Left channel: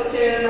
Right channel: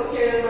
post చేయడం